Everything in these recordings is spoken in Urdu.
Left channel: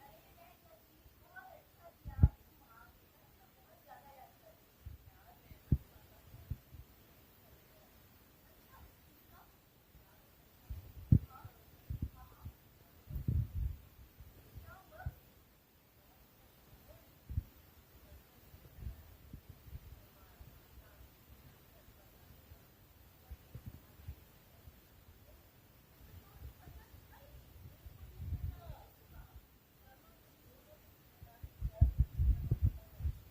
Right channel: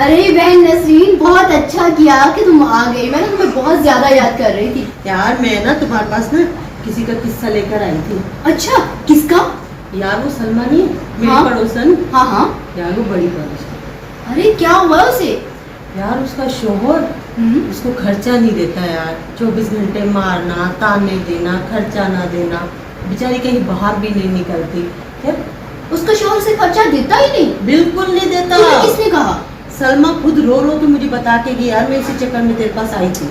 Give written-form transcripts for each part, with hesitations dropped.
ارے بہن نسرین بہت اچھا کیا کہ تم آ گئی. میں نے تمہیں بہت زیادہ یاد کر رہی تھی. یار میں نا تمہارے پاس نا کسی کا قصہ لے کر آئی تھی. اچھا کس کا؟ یار وہ سلمہ نہیں میری ہاں پڑوسن. ہاں ہاں. یار وہ بڑی پڑوسن. ارے کیا ہوا اسے؟ یار اس کا شوہر اس کو خرچہ نہیں دیتا یار. 24 گھنٹے مارنا تانے دینا خرچہ نہ دینا. بیچاری کہیں باہر بھی نہیں نکلتی. اس کا شوہر سے خرچہ دیتا ہی نہیں؟ بالکل نہیں دیتا. کس نے کہا؟ سلمہ خود رو رو تو مجھے بتا کے گئی یار میں اسی چکر میں تیرے پاس آئی تھی.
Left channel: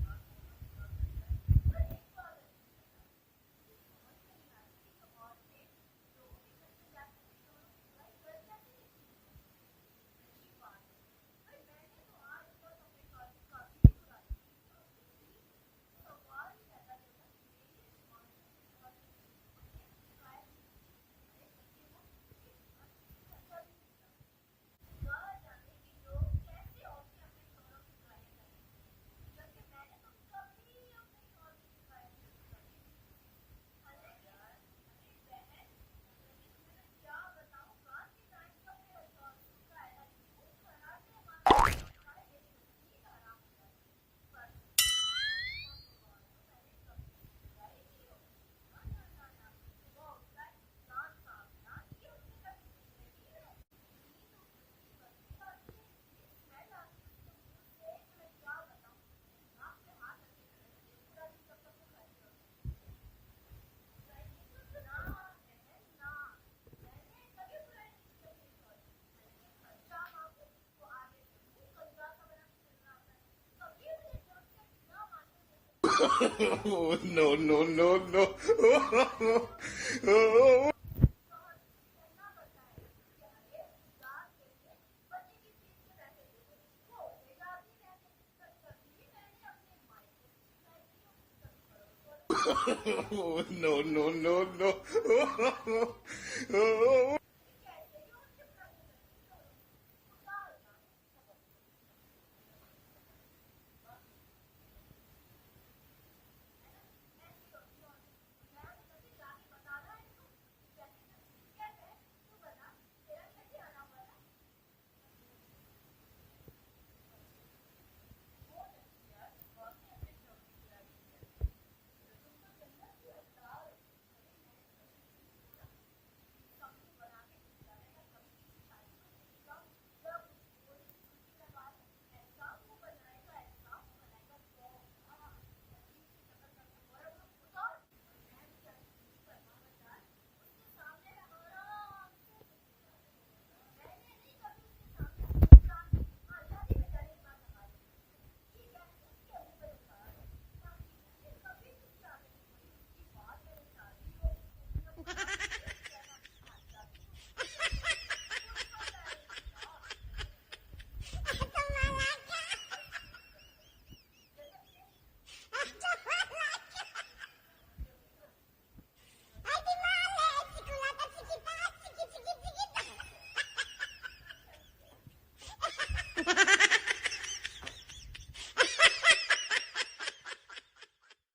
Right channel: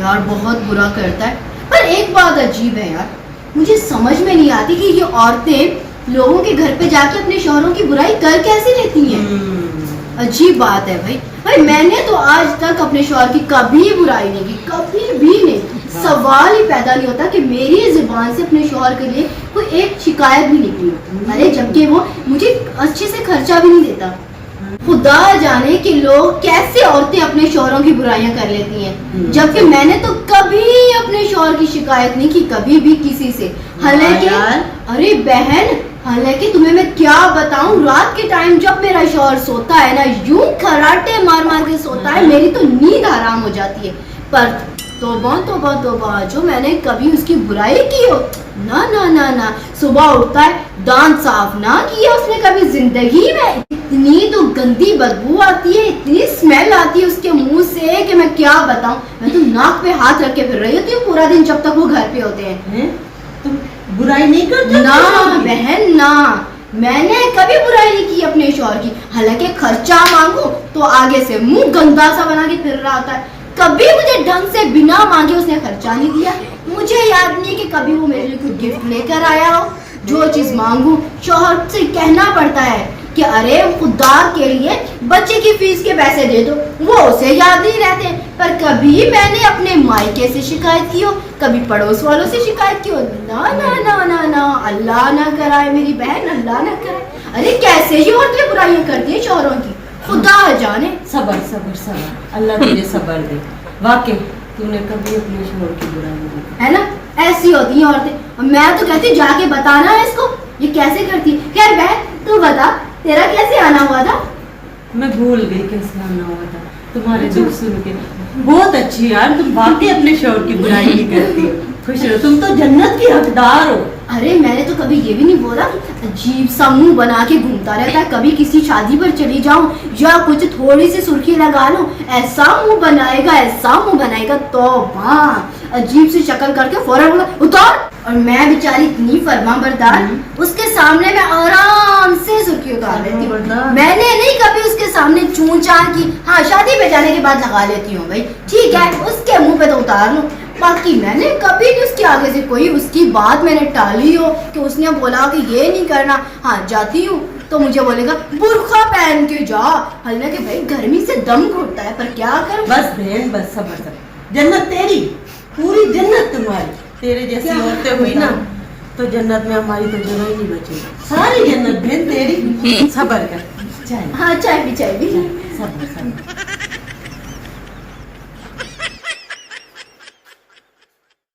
یار بہت برا کرتا ہے. پر ایک بات عجیب ہے یار, مجھے سمجھ میں نہیں آتی کہ یہ عورتیں لوگوں کے گھر پہ جا کے اپنے شوہروں کی برائی کر کیسے لیتی ہیں. عجیب بات ہے بھائی میں نے تو آج تک اپنے شوہر کی کبھی برائی نہیں کی, کبھی بھی نہیں. سوال ہی پیدا نہیں ہوتا کہ میری زبان سے اپنے شوہر کے لیے کوئی ایک شکایت بھی نکلی ہو. ارے جبکہ وہ مجھے اچھے سے خرچہ بھی نہیں دیتا. خدا جانے کہ لوگ کیسے عورتیں اپنے شوہروں کی برائیاں کر لیتی ہیں, جبکہ میں نے تو کبھی اپنے شوہر کی شکایت نہیں کی, کبھی بھی کسی سے. حالانکہ ارے بہن حالانکہ تمہیں میں کیا بتاؤں, رات کے ٹائم جب میرا شوہر سوتا ہے نا یوں کھراٹے مار مار کے سوتا ہے, میری تو نیند حرام ہو جاتی ہے. پر توبہ توبہ توبہ جو میں نے کبھی اس کی برائی کی ہو, نہ نہ نہ نہ. صبح اٹھتا ہے دانت صاف نہ کیا اس نے کبھی زندگی میں. اتنی تو گندی بدبو آتی ہے, اتنی اسمیل آتی ہے اس کے منہ سے کہ میں کیا بتاؤں. میں تو ناک پہ ہاتھ رکھ کے پھر رہی ہوتی ہوں پورا دن جب تک وہ گھر پہ ہوتے ہیں. تم برائی نہیں کرتے؟ نہ بہن نہ, میں نے کبھی برائی نہیں کی اپنے شوہر کی. حالانکہ خرچہ مانگو تو آگے سے منہ گندا سا بنا کے پھر رہا ہوتا ہے. کبھی مجھے ڈھنگ سے بنا مانگے اس نے خرچہ نہیں دیا. مجھے یاد نہیں کہ کبھی وہ میرے لیے کوئی گفٹ لے کر آیا ہو. جو چیز مانگوں شوہر سے کہنا پڑتا ہے کہ ارے خدا کے لیے بچے کی فیس کے پیسے دے دو, وہ اسے یاد نہیں رہتے. پر کبھی میں نے اپنے مائکے سے شکایت کی ہو, کبھی پڑوس والوں سے شکایت کی ہو, نہ نہ نہ نہ نہ. اللہ نہ کرائے میری بہن, اللہ نہ کرائے. ارے کیسے یہ عورتیں برائیاں کرتی ہیں شوہروں کی, خدا جانے. صبر صبر صبر, اللہ تجھے صبر دے. واقعی تو نے کبھی اپنے شوہر کی برائی نہیں کی ہے نا. ایسی ہوتی ہیں عورتیں. میں تو کہتی جا کے بتانا ہے اس کو یہ کیسے کرتی. خیر بہن تو بتا تیرا کیسے آنا ہوا تھا؟ میں بھول گئی کیسے آنا ہوا تھا. تمہارے دکھ سن کے بہت اچھی یار, تم واقعی اپنے شوہر کی برائی نہیں کرتی. خوش رہو, تم تو جنت کی حقدار ہو. ارے میں نے تو کبھی یہ بھی نہیں بولا. عجیب سا منہ بنا کے گھومتا رہتا ہے. کبھی کسی شادی پر چلی جاؤں یا کچھ تھوڑی سی سرخی لگا لوں, ایسا منہ بنائے گا ایسا منہ بنائے گا. توبہ, عجیب سی شکل کر کے فوراً اتار. اور میں بیچاری اتنی فرما بردار, اس کے سامنے میں آرام سے سرخی اتار لیتی ہوں. میں نے نہیں کبھی اس کے سامنے چون چان کی. ہاں شادی پہ جانے کے بعد لگا لیتی ہوں بھائی ٹھیک ہے, اس کے منہ پہ تو اتار لوں. باقی میں نے کبھی بھی اس کے آگے سے کوئی اس کی بات میں نے ٹالی ہو کہ اس نے بولا کہ یہ نہیں کرنا. ہاں جاتی ہوں تو مجھے بولے گا برقع پہن کے جا. حالانکہ بھائی گرمی سے دم گھٹتا ہے پر کیا کروں. بس بہن بس صبر صبر, جنت تیری, پوری جنت تمہاری. تیرے جیسی عورتیں ہوئی نا تو جنت میں ہماری تو جگہ ہی نہیں بچے. ساری جنت بہن تیری. صبر کر. ہاں چائے بھی صبر صبر.